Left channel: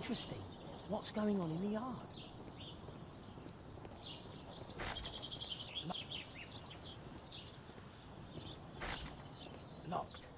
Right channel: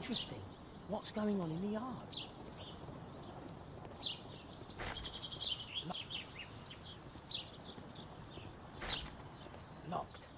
interesting. What's going on in the yard? Locked.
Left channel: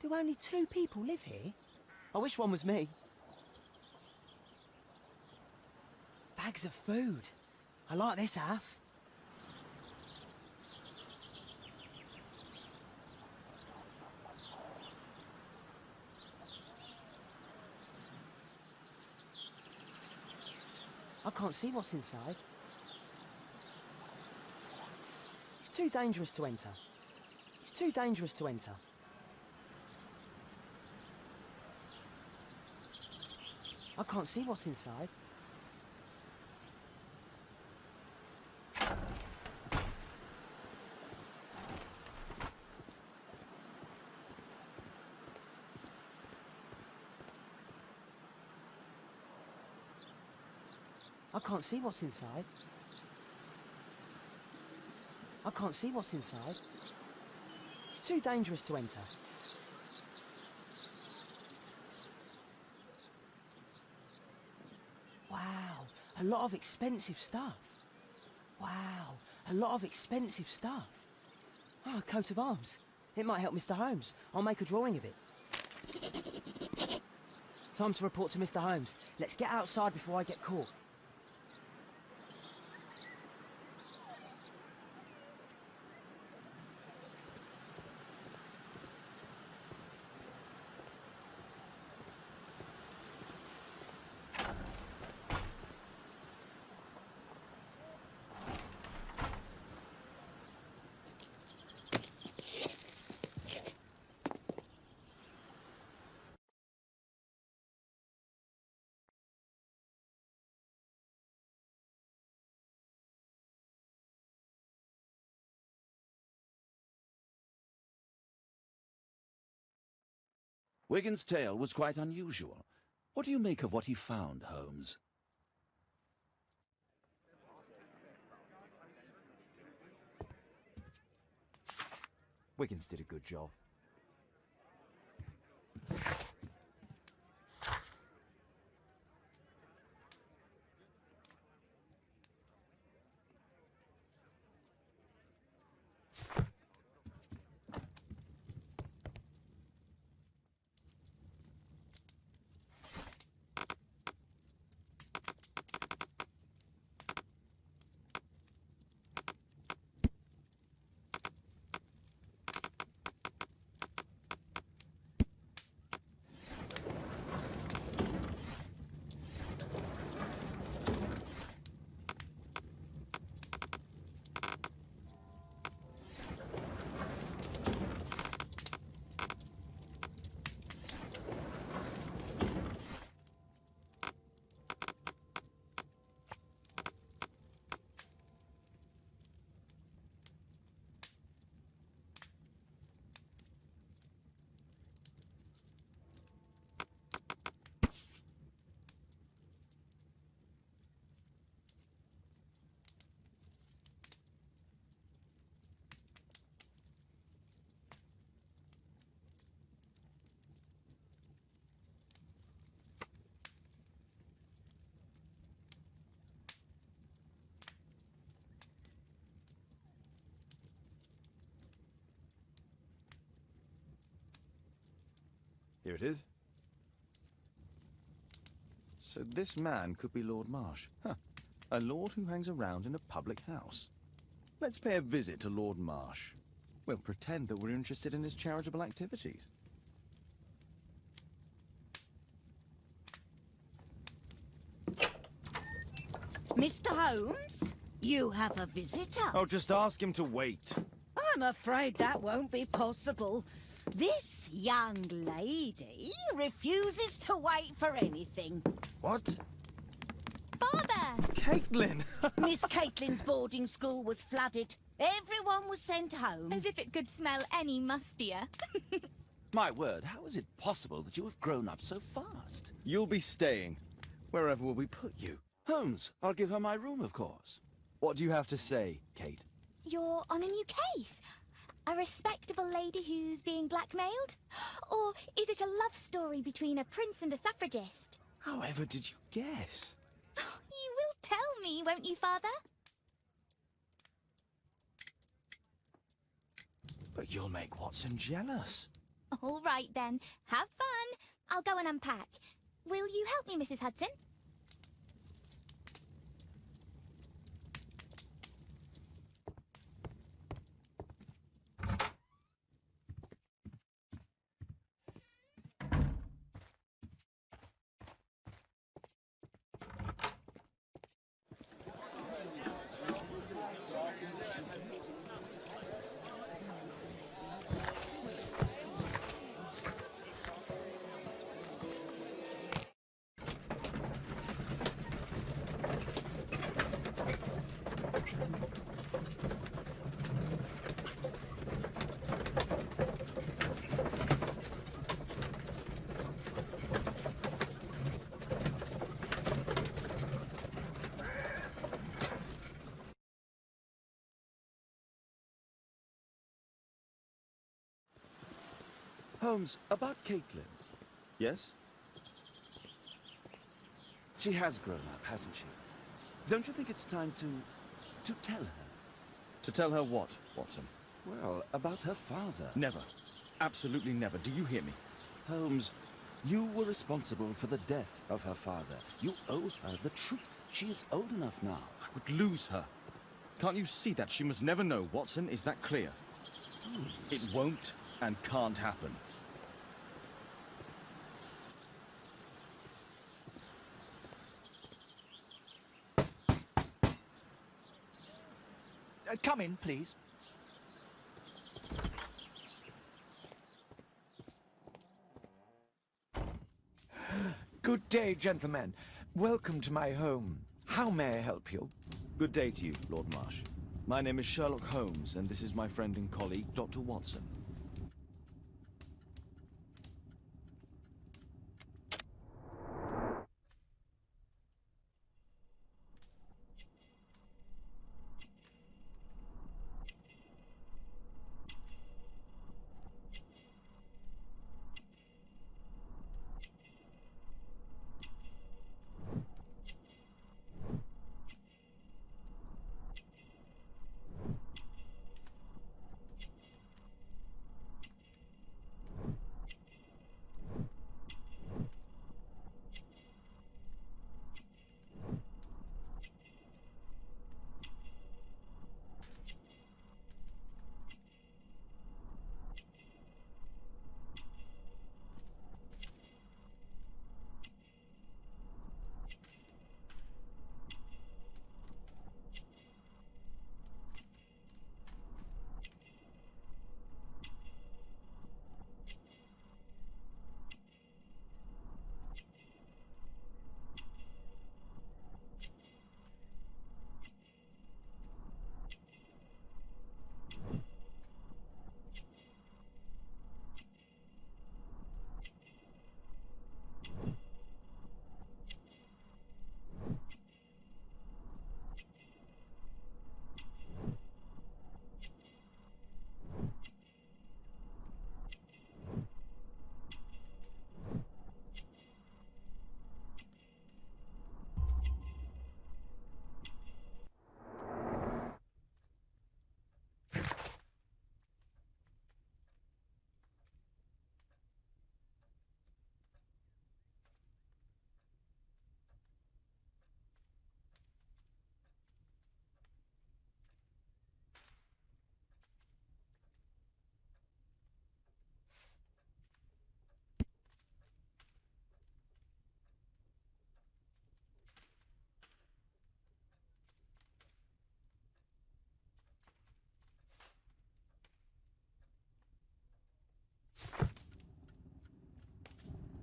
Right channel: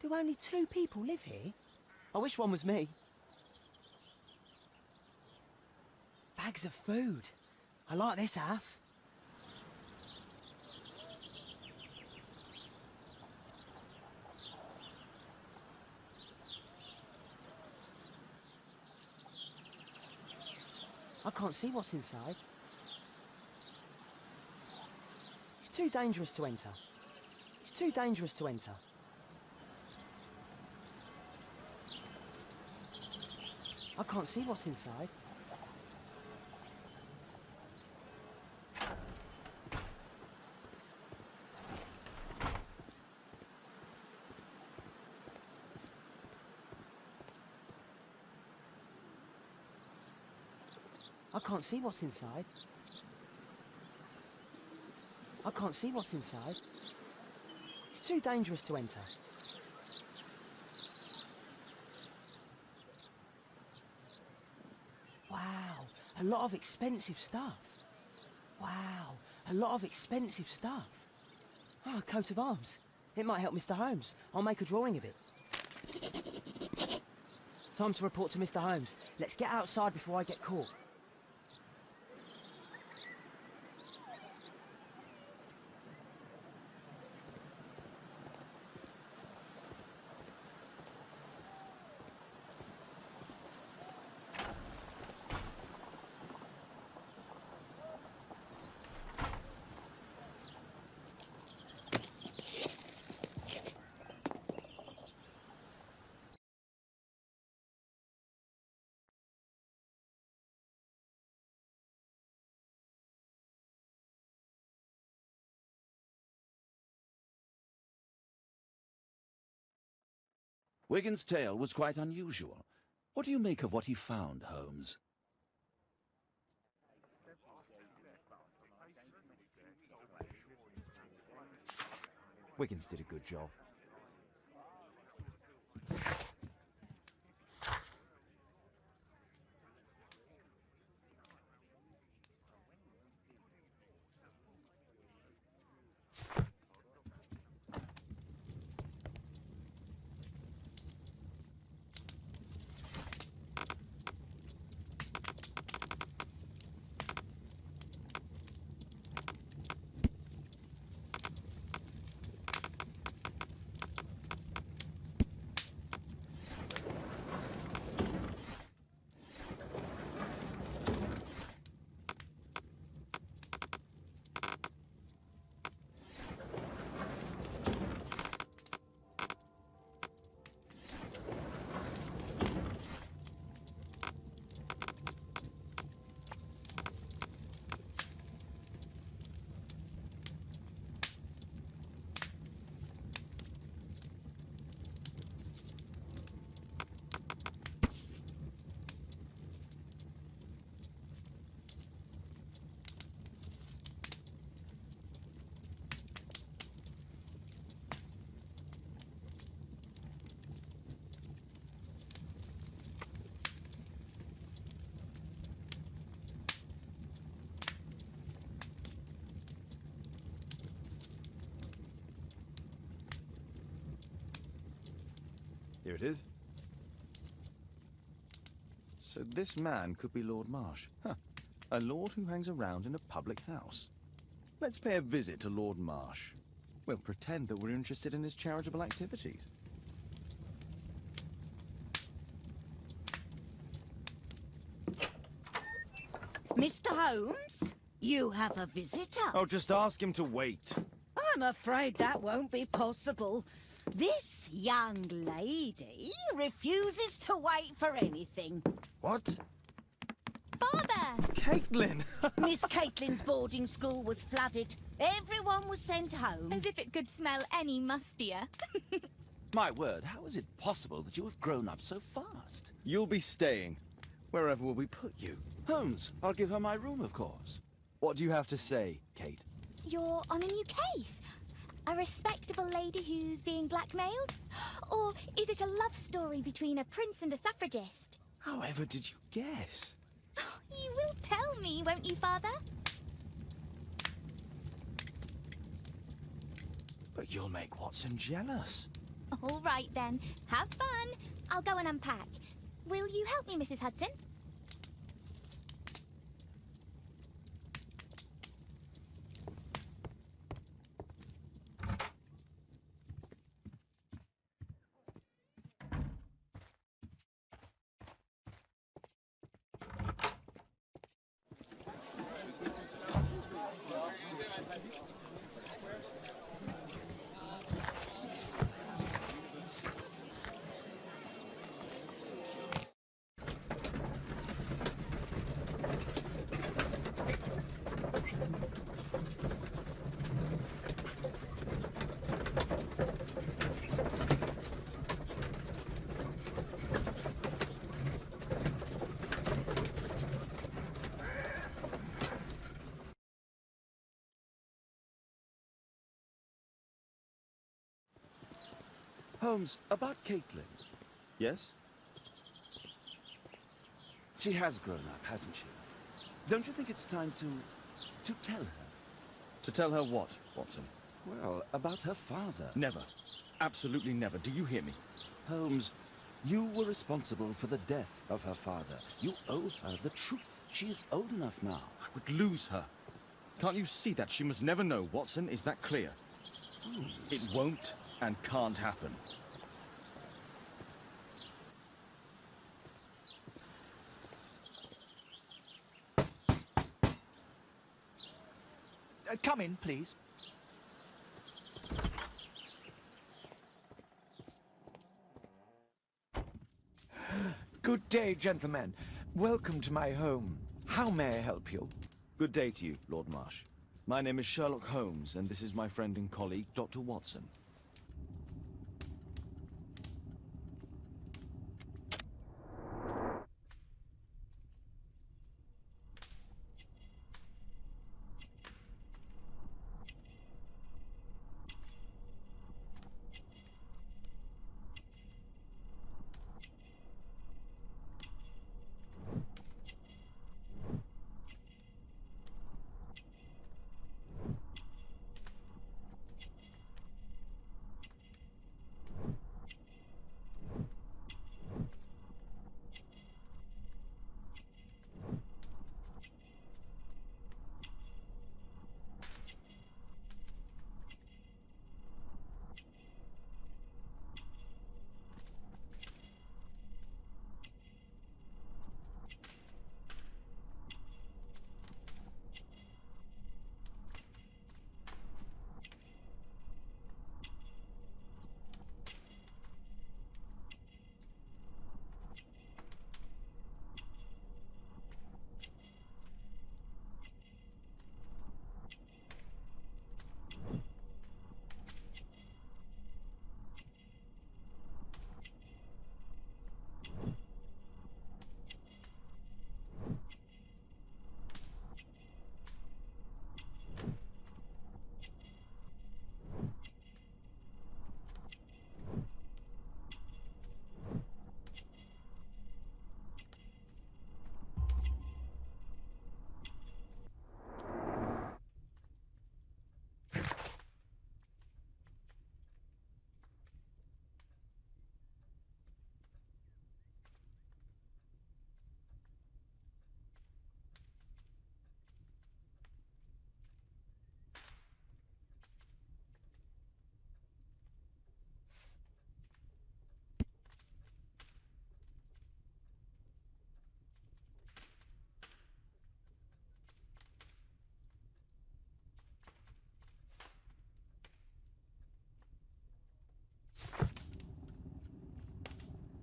Do only 2 people live here? I wish one was me. Bags of food. I like this house. I can't see what's inside. It's too dangerous to enter. It's too dangerous to enter. I can't see what's inside. I can't see what's inside. I can't see what's inside. It's too dangerous to enter. Wow, a lot of expensive stuff. Wow, a lot of expensive stuff. Ah, a coat of arms. It might help Mr. Holmes. I'll make a drawing of it. Time to report to Mr. Holmes. Let's get outside before I get caught. Wigan's tale was quite unusual. What do you make of what he found, Holmes? Wiggins did a good job. Here it is. So this man could be Lord Marsh. Huh. A lord who hangs around in a public house. Let's pay a visit to Lord Marsh. We'll pretend that we're interested in his charitable activities. Mr. Holmes, you have a visitor. Oh, just ask him to wait. I'm afraid that won't be possible. This young lady refuses to wait for anything. What? Father! Caitlin! Miss Caitlin's boarding school was flooded. Everyone was sent home. As if it could smell any mustier. My word, how is it possible that you have grown up so fast? You'll be staying. Wherever will we put you? Holmes, I'll give her my room, of course. What do you have to say, Kate? You're on a new case. A respectable lady who's being blackmailed? Or is it a love story between a prince and a suffragist? However did you guess? You will tell me, won't you, Father? But you'll make Watson jealous. All right, then. Have fun. I'll go and unpack. Will you help me, Mrs. Hudson? Holmes, about Caitlin. Yes? She has grown up, hasn't she? Don't you think it's time to tell her? To tell her what, Watson? Well, about her father. Never. Absolutely never. Do you hear me? Holmes, you were responsible for the death of her father. You owe her the truth. She is old enough now. I would lose her. Can't you see that? She must never know, Watson. Is that clear? Holmes. It won't and can't happen. Come in, please. Good day, gentlemen. Welcome to my home. How may I help you? Good day to you, Lord Marsh. My name is Sherlock Holmes, and this is my friend and colleague, Dr. Watson.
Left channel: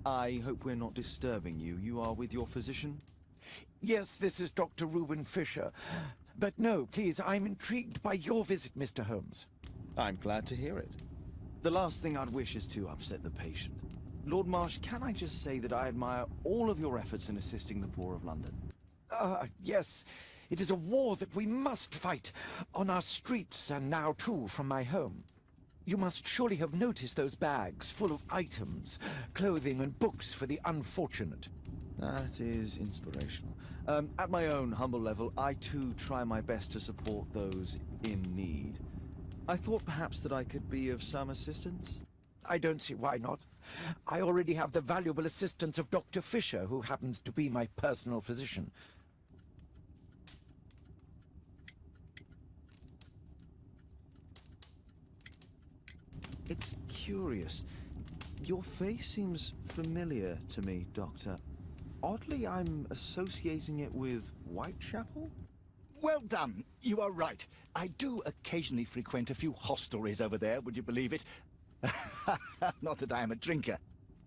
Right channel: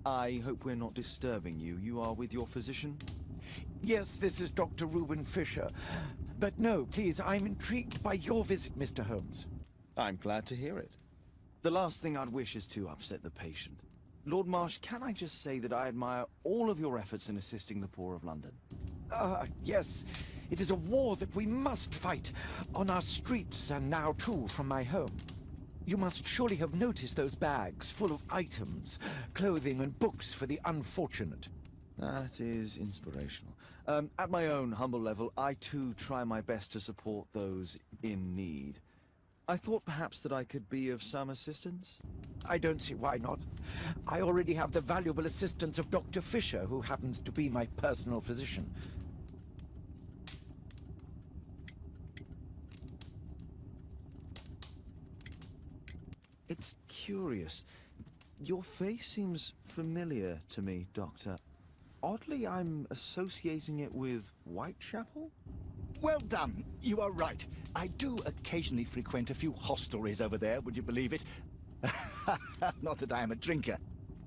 I hope we're not disturbing you. You are with your physician? Yes, this is Dr. Reuben Fisher. But no, please, I'm intrigued by your visit, Mr. Holmes. I'm glad to hear it. The last thing I'd wish is to upset the patient. Lord Marsh, can I just say that I admire all of your efforts in assisting the poor of London? Yes. It is a war that we must fight, on our streets and now too from my home. You must surely have noticed those bags full of items, clothing and books for the unfortunate. That is inspirational. At my own humble level, I too try my best to support those in need. I thought perhaps that I could be of some assistance. I don't see why not. I already have the valuable assistance of Dr. Fisher, who happens to be my personal physician. It's curious. Your face seems familiar to me, Doctor. Oddly, I'm associating it with Whitechapel? Well done. You are right. I do occasionally frequent a few hostelries over there, would you believe it? Not that I am a drinker.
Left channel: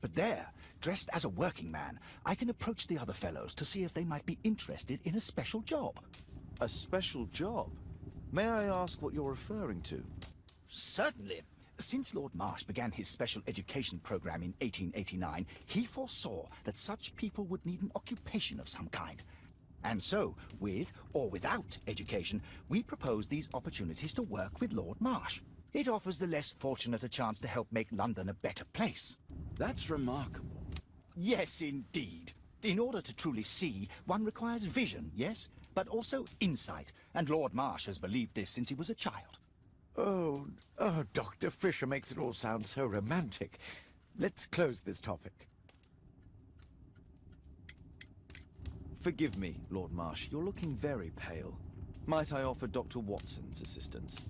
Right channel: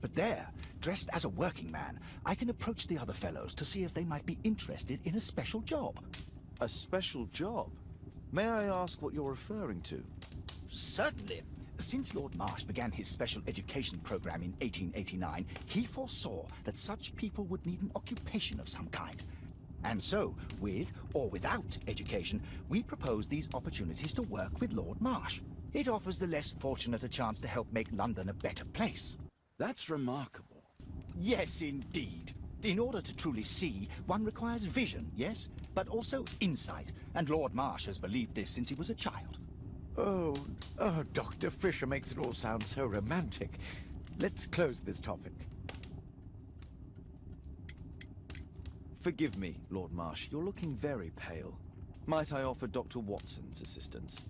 But there, dressed as a working man, I can approach the other fellows to see if they might be interested in a special job. A special job? May I ask what you're referring to? Certainly. Since Lord Marsh began his special education program in 1889, he foresaw that such people would need an occupation of some kind. And so, with or without education, we propose these opportunities to work with Lord Marsh. It offers the less fortunate a chance to help make London a better place. That's remarkable. Yes, indeed. In order to truly see, one requires vision, yes, but also insight. And Lord Marsh has believed this since he was a child. Oh, Dr. Fisher makes it all sound so romantic. Let's close this topic. Forgive me, Lord Marsh. You're looking very pale. Might I offer Dr. Watson's assistance?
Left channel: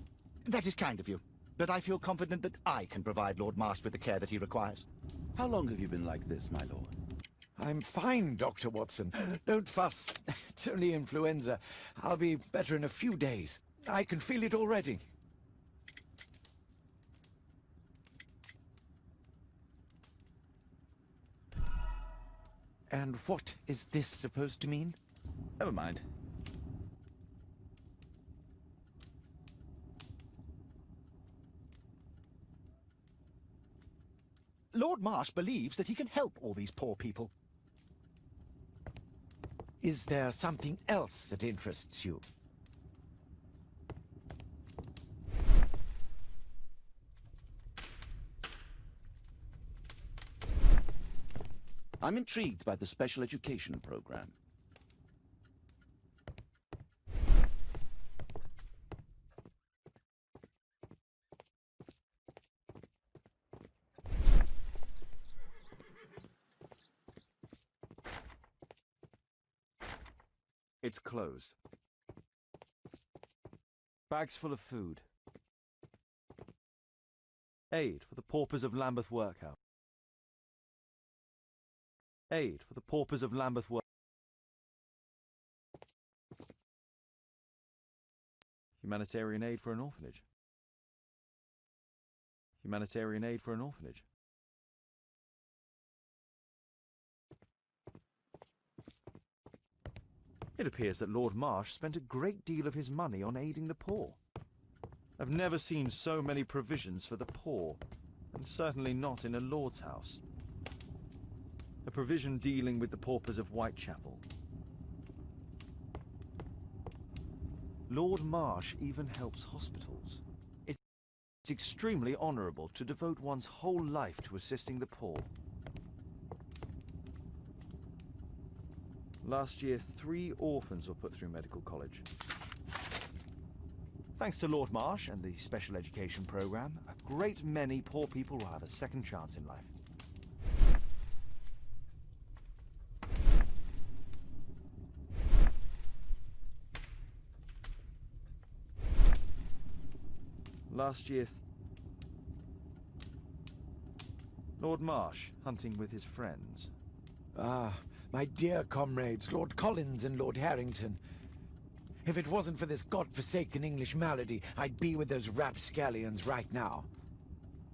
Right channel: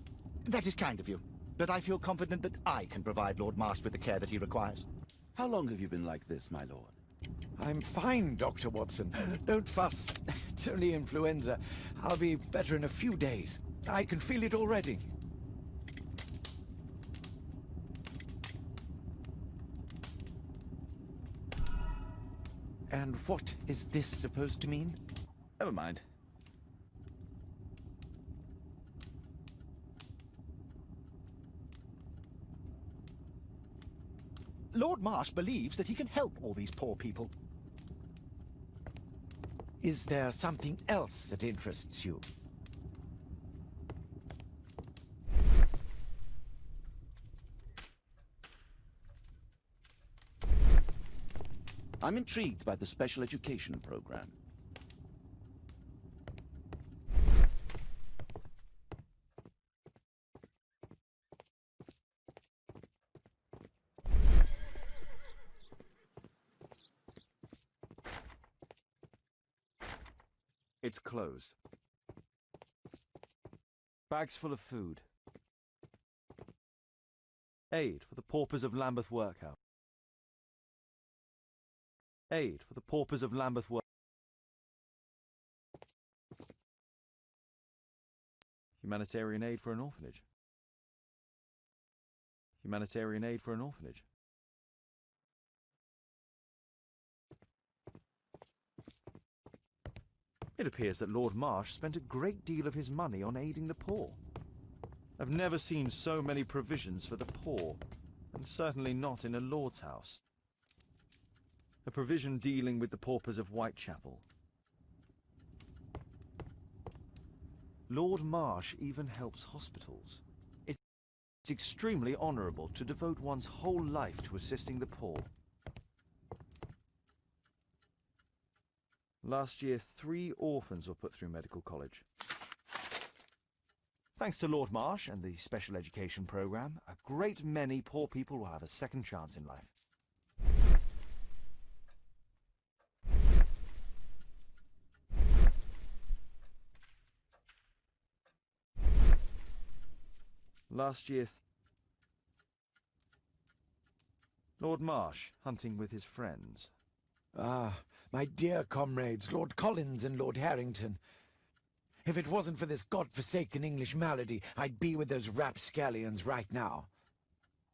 That is kind of you, but I feel confident that I can provide Lord Marsh with the care that he requires. How long have you been like this, my lord? I'm fine, Dr. Watson. Don't fuss. It's only influenza. I'll be better in a few days. I can feel it already. And what is this supposed to mean? Never mind. Lord Marsh believes that he can help all these poor people. Is there something else that interests you? I'm intrigued by the special education program. It's closed. Bags full of food. Aid for the paupers of Lambeth Workhouse. Aid for the paupers of Lambeth Workhouse. Humanitarian aid for an orphanage. Humanitarian aid for an orphanage. It appears that Lord Marsh spent a great deal of his money on aiding the poor. I've never seen so many provisions for the poor, and certainly not in a lord's house. A provision dealing with the paupers of Whitechapel. Lord Marsh even helps hospitals. It's extremely honourable to devote one's whole life to assisting the poor. Last year, 3 orphans were put through medical college. Thanks to Lord Marsh and the special education program, a great many poor people will have a second chance in life. Last year, Lord Marsh hunting with his friends. Ah, my dear comrades, Lord Collins and Lord Harrington. If it wasn't for this godforsaken English malady, I'd be with those rapscallions right now.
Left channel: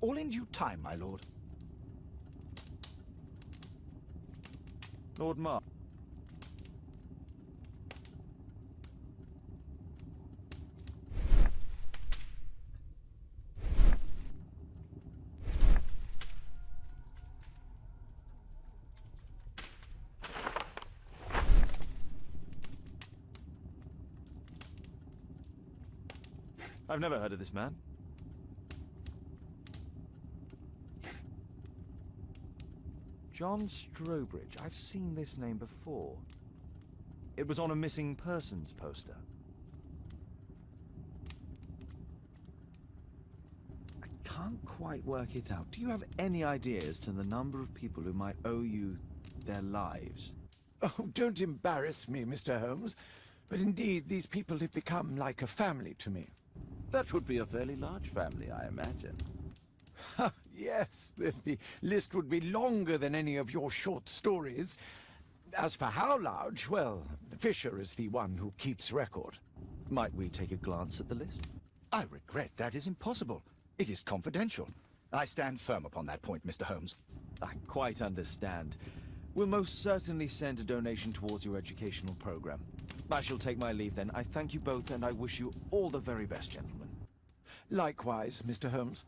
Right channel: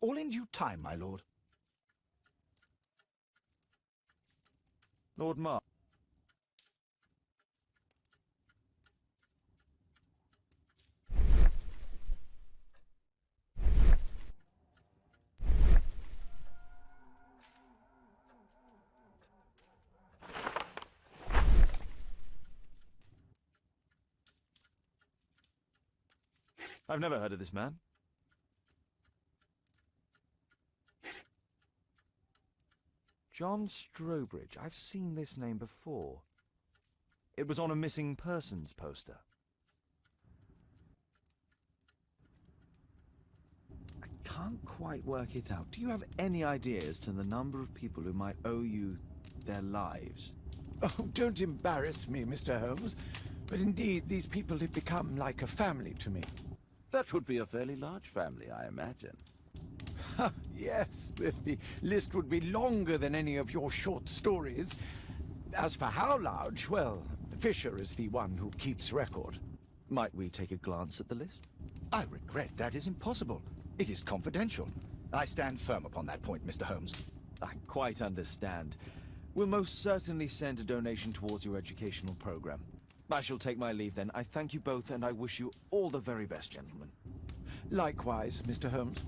All in due time, my lord. Lord Marsh. I've never heard of this man. John Strobridge. I've seen this name before. It was on a missing persons poster. I can't quite work it out. Do you have any idea as to the number of people who might owe you their lives? Oh, don't embarrass me, Mr. Holmes. But indeed, these people have become like a family to me. That would be a fairly large family, I imagine. Yes, the list would be longer than any of your short stories. As for how large, well, Fisher is the one who keeps record. Might we take a glance at the list? I regret that is impossible. It is confidential. I stand firm upon that point, Mr. Holmes. I quite understand. We'll most certainly send a donation towards your educational program. I shall take my leave then. I thank you both and I wish you all the very best, gentlemen. Likewise, Mr. Holmes.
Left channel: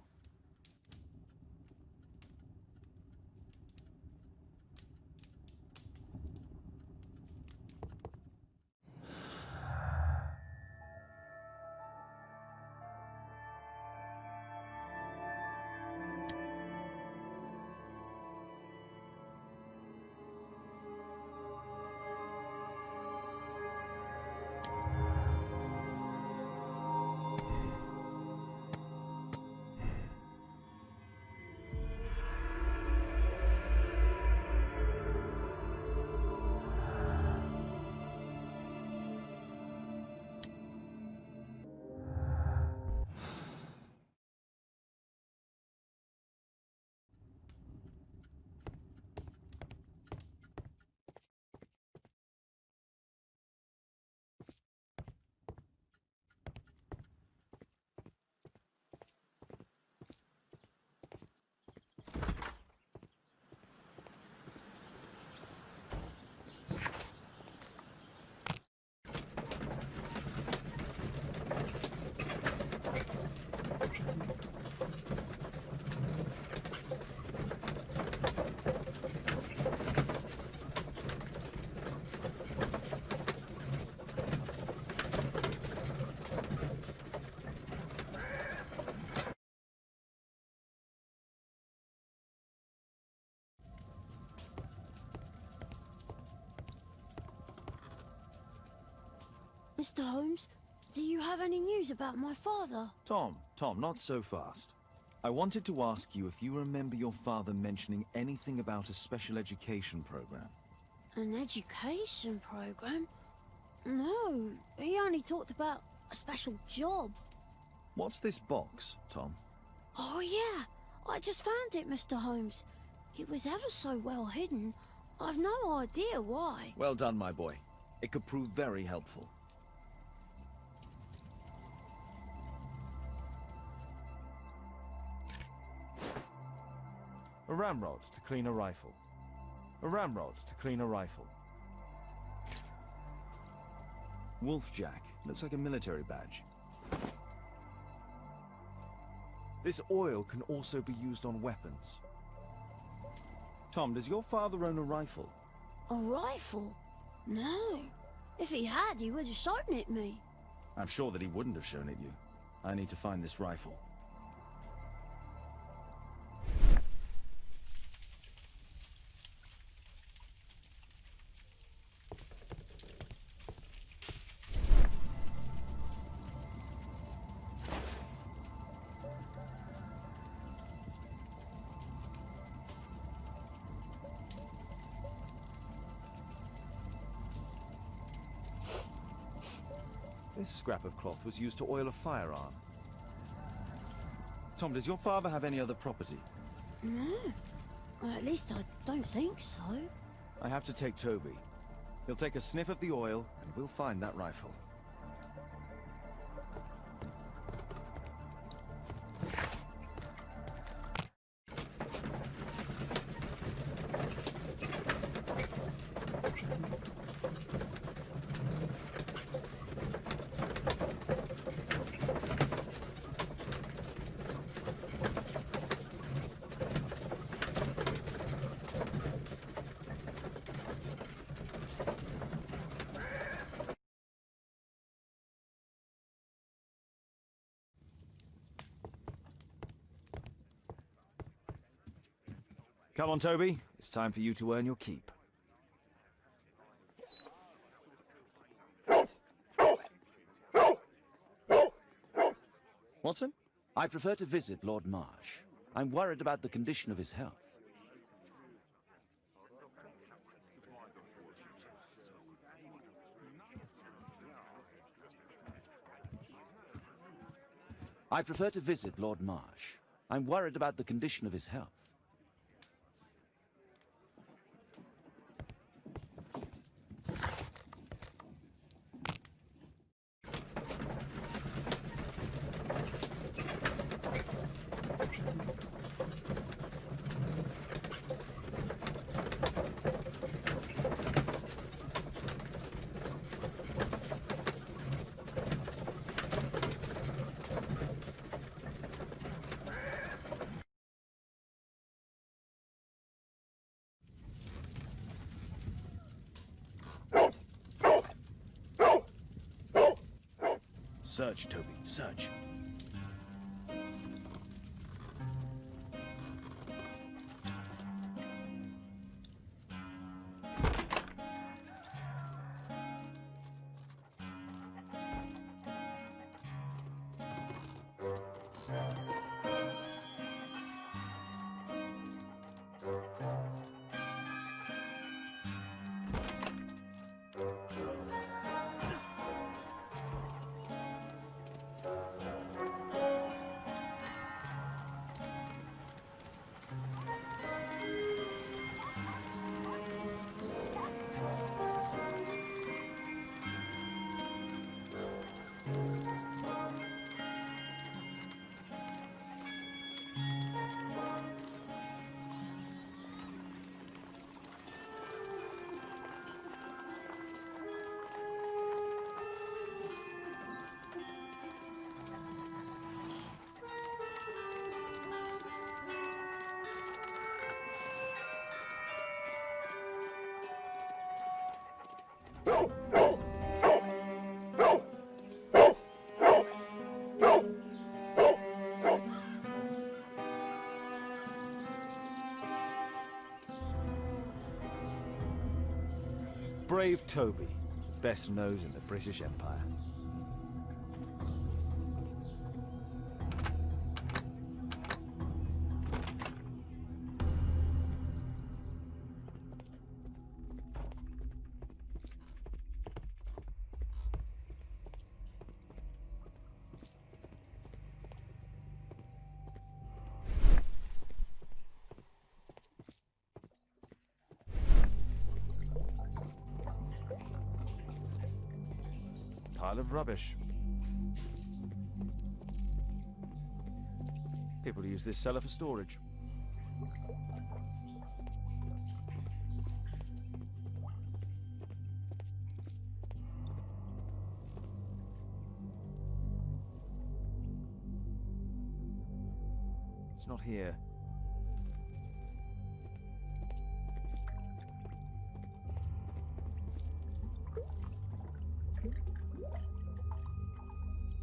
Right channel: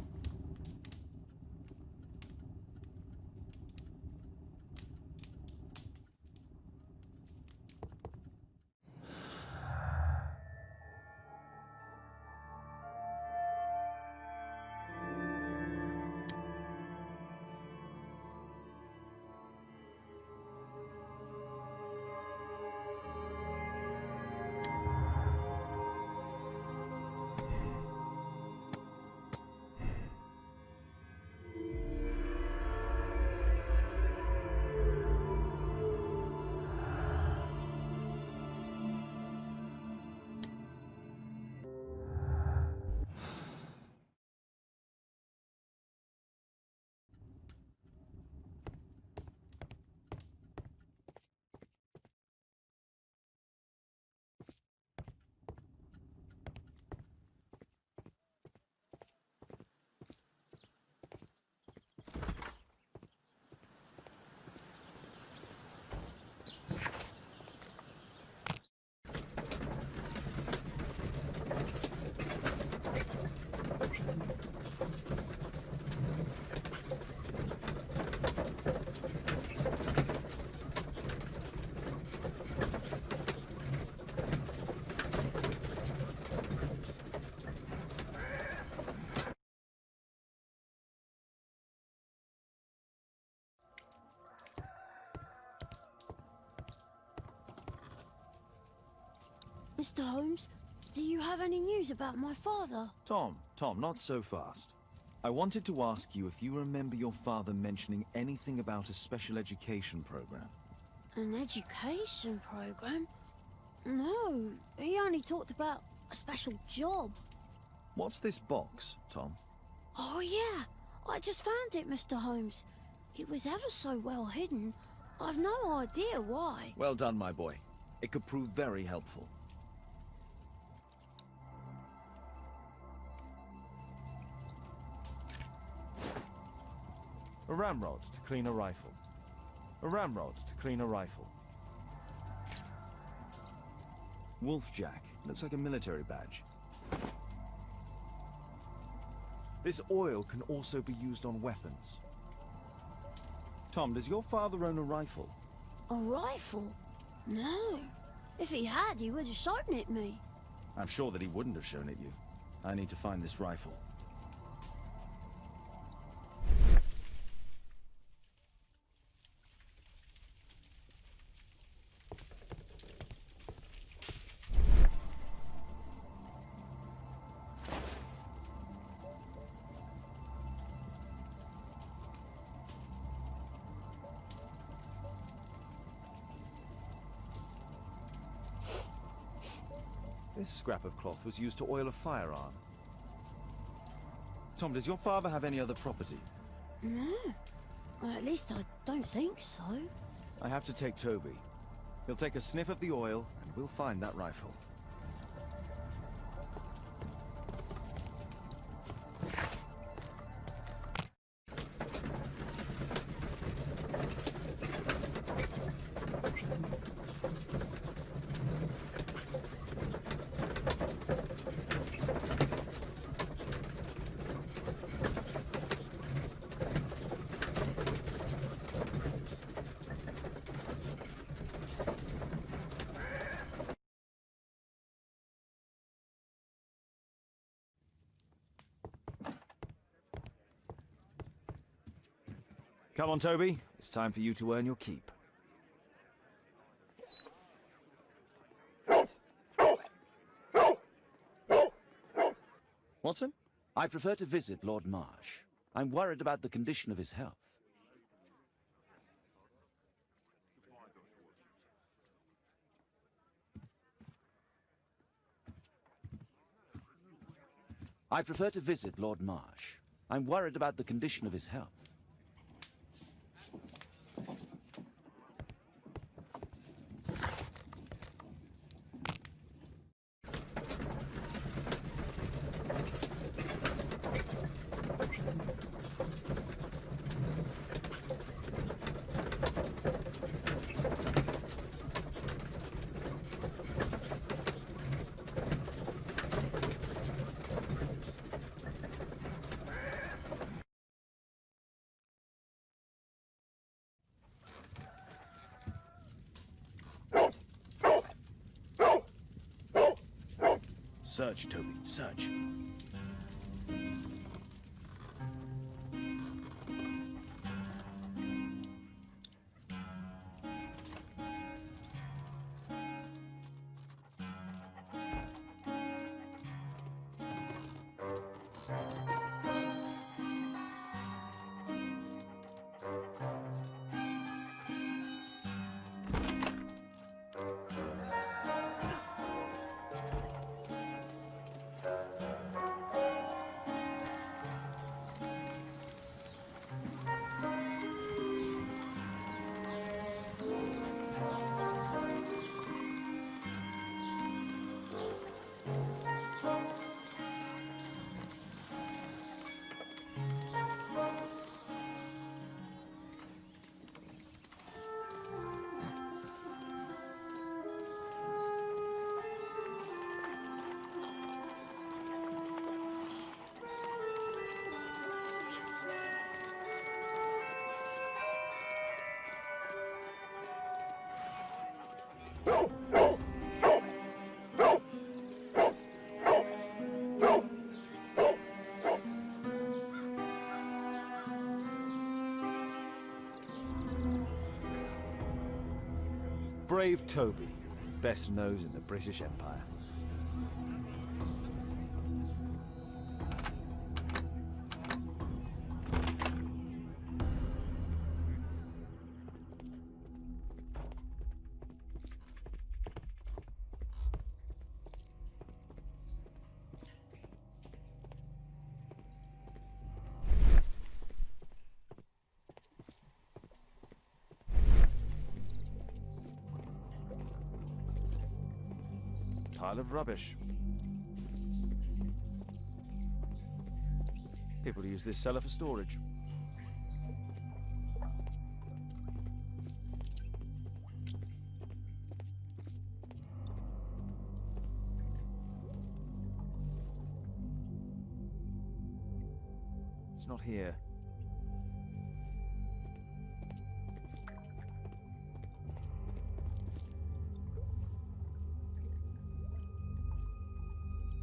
Mr. Holmes, do you have any news about my father? Tom, not so fast. I wanted to ask you if you remember your father mentioning anything about a special education program. An education program? No, he only talked about a special job. What's this box, Tom? Oh yeah, I just found it, Mr. Holmes. It was ever so well hidden. I've no idea why. Well done, my boy. It could prove very helpful. A ramrod to clean a rifle. A ramrod to clean a rifle. Wolfjack. Looks like a military badge. This oil can also be used on weapons. Tom, does your father own a rifle? A rifle? No. If he had, he would have shown it me. I'm sure that he wouldn't have shown it you. I need to find this rifle. This scrap of cloth was used to oil a firearm. Tom, does your father have any other property? No. Well, at least I don't think so. I have to take Toby. He'll take a sniff of the oil, and we'll find that rifle. Come on, Toby. It's time for you to earn your keep. Watson? I prefer to visit Lord Marsh. I'm worried about the condition of his health. I prefer to visit Lord Marsh. I'm worried about the condition of his health. Search, Toby, search. Brave Toby, best nose in the British Empire. Pile of rubbish. People use this cellar for storage. It's not here.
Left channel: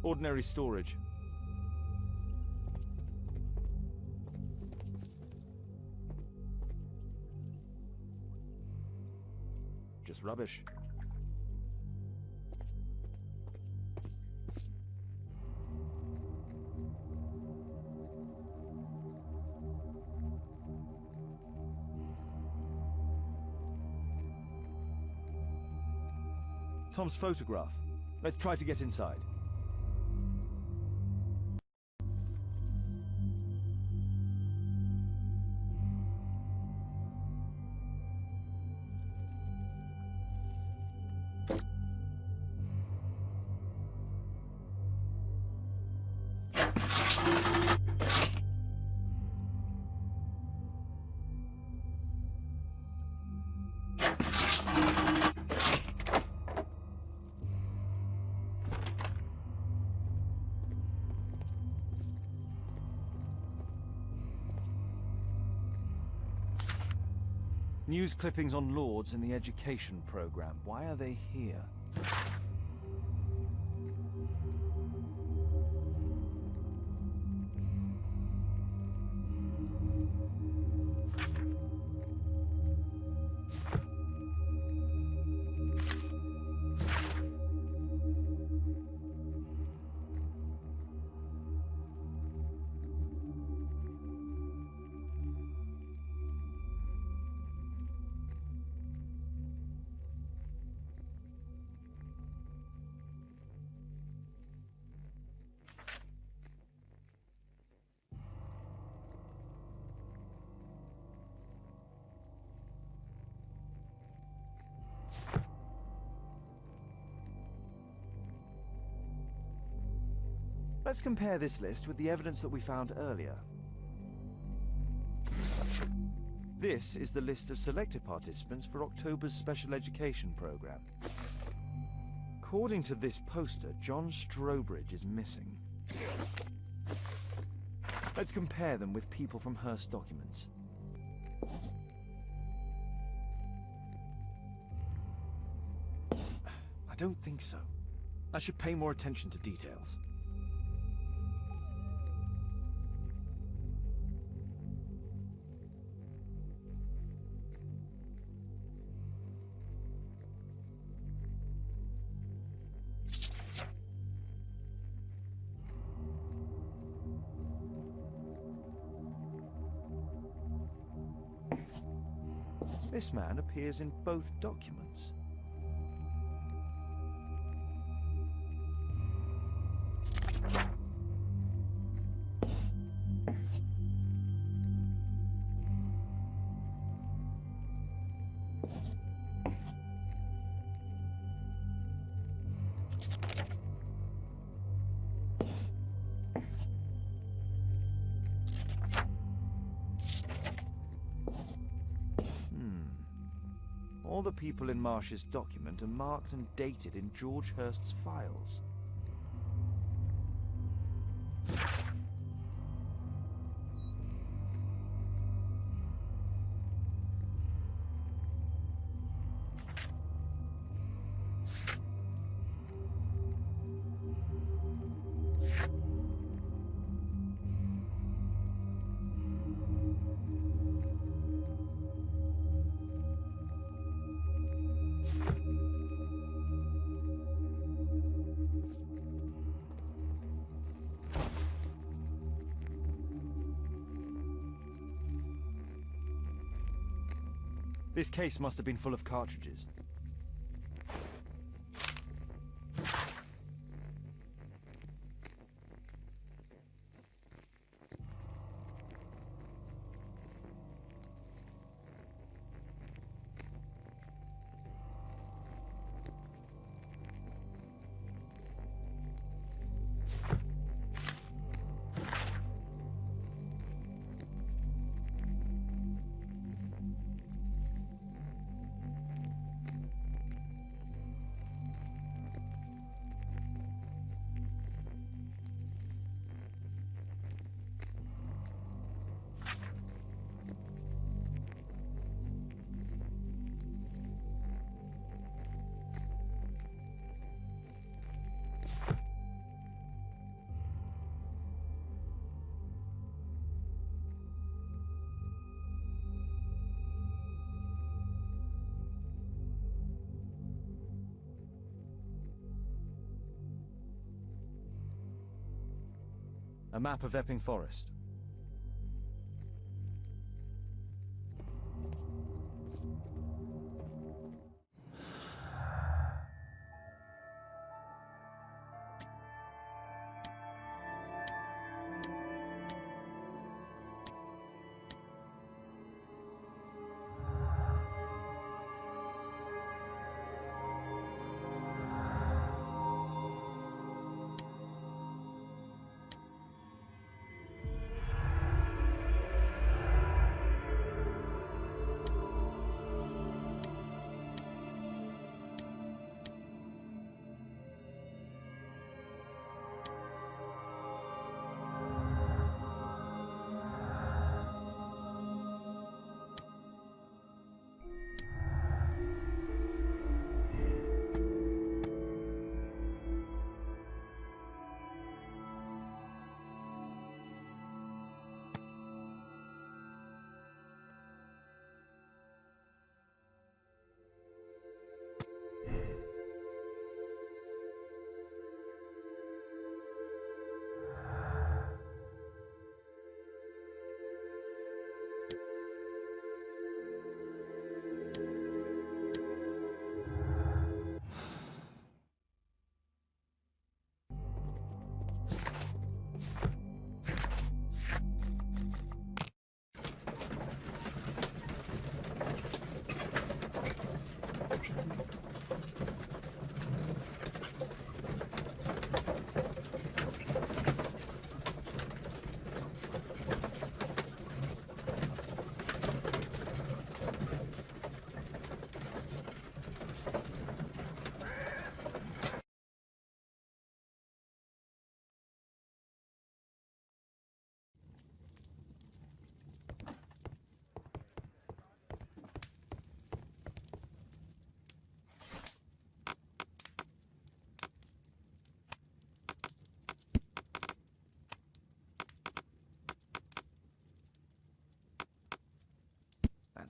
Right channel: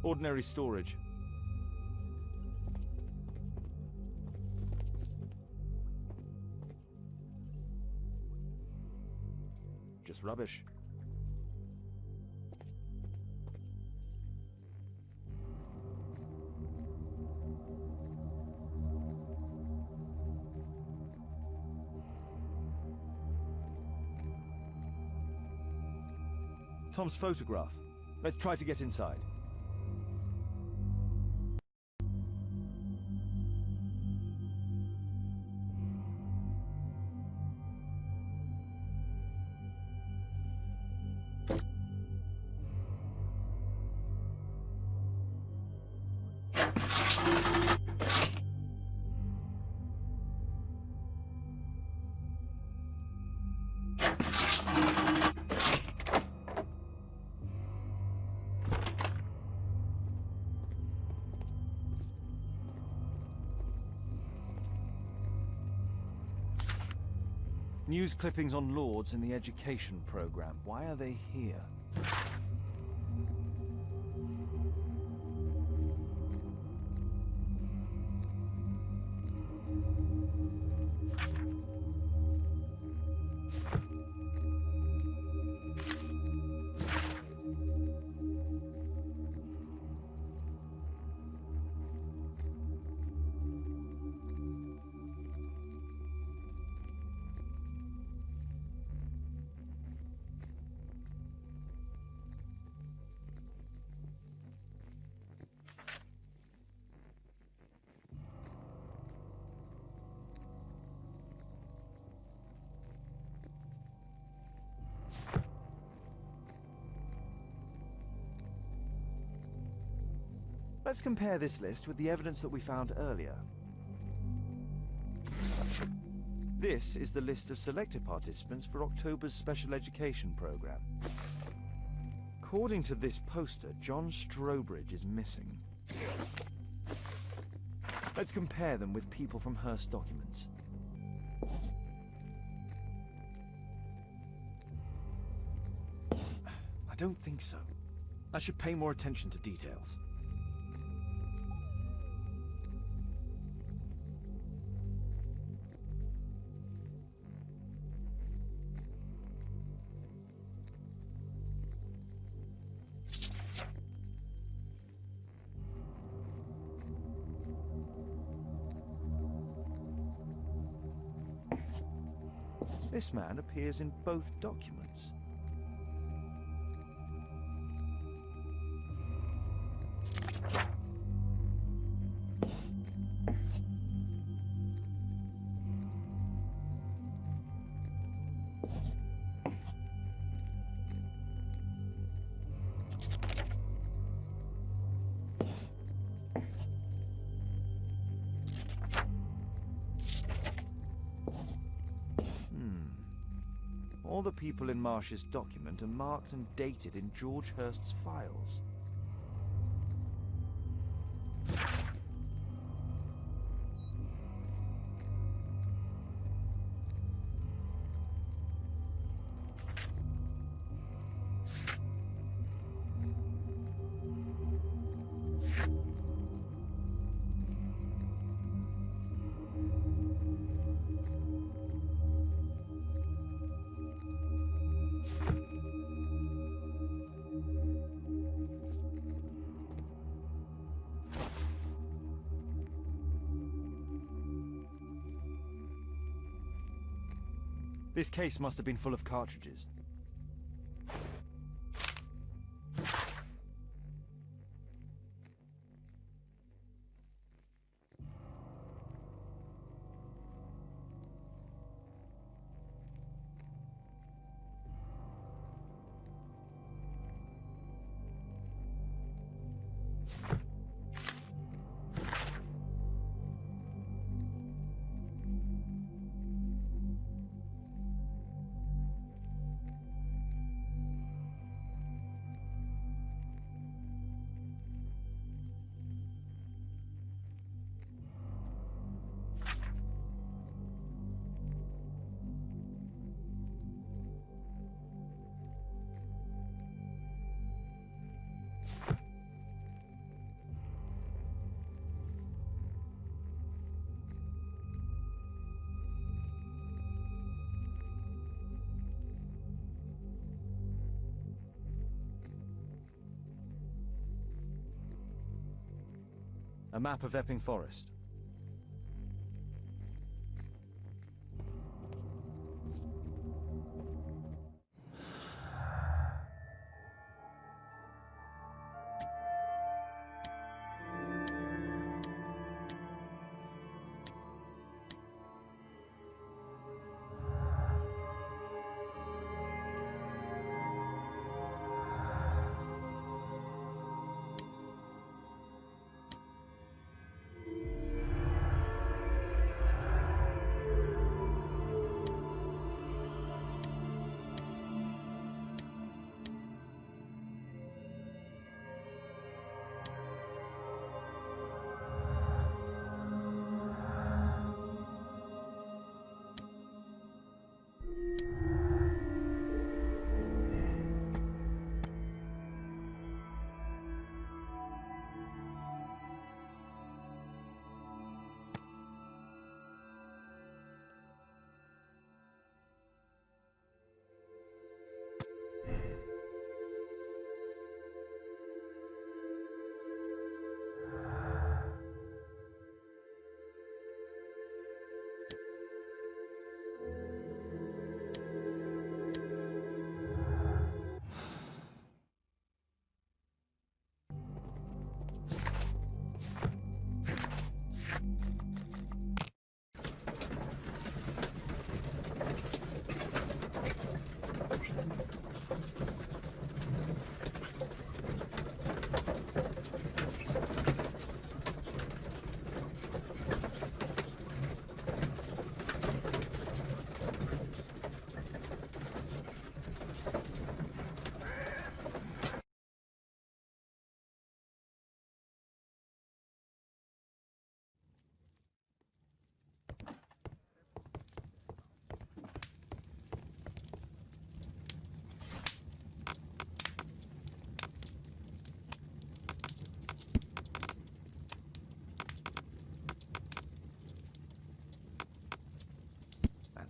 Ordinary storage. Just rubbish. Tom's photograph. Let's try to get inside. News clippings on Lords and the education program. Why are they here? Let's compare this list with the evidence that we found earlier. This is the list of selected participants for October's special education program. According to this poster, John Strobridge is missing. Let's compare them with people from Hearst documents. I don't think so. I should pay more attention to details. This man appears in both documents. All the people in Marsh's document are marked and dated in George Hurst's files. This case must have been full of cartridges. A map of Epping Forest.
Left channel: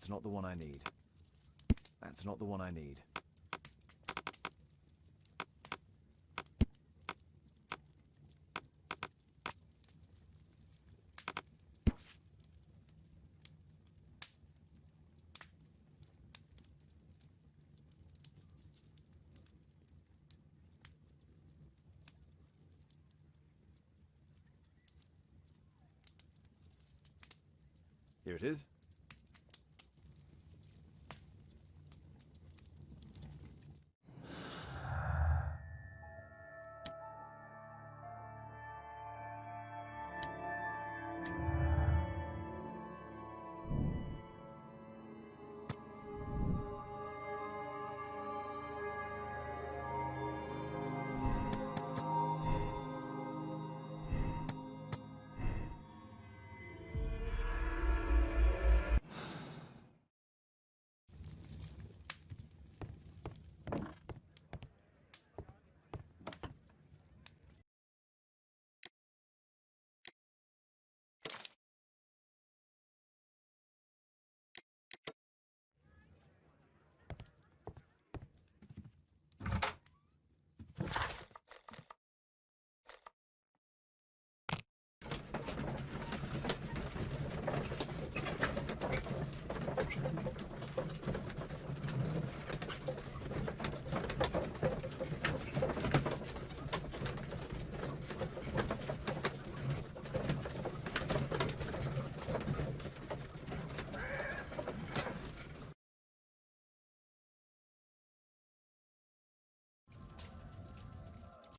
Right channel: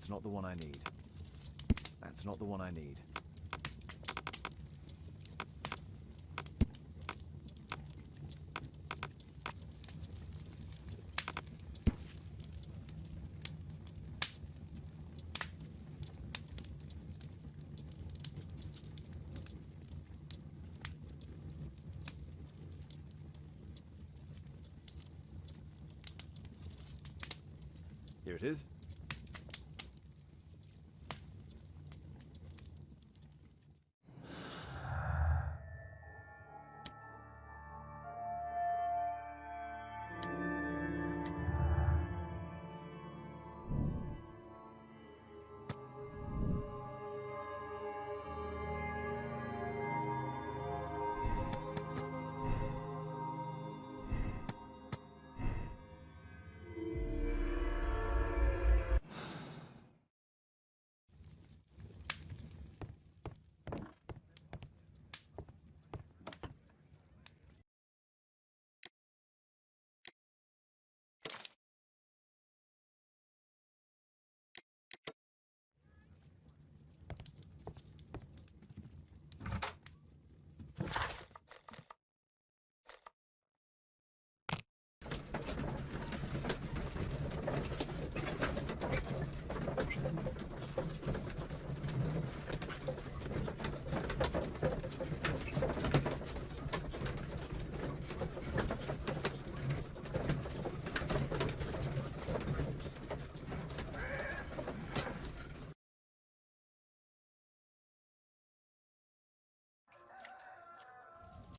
That's not the one I need. That's not the one I need. Here it is.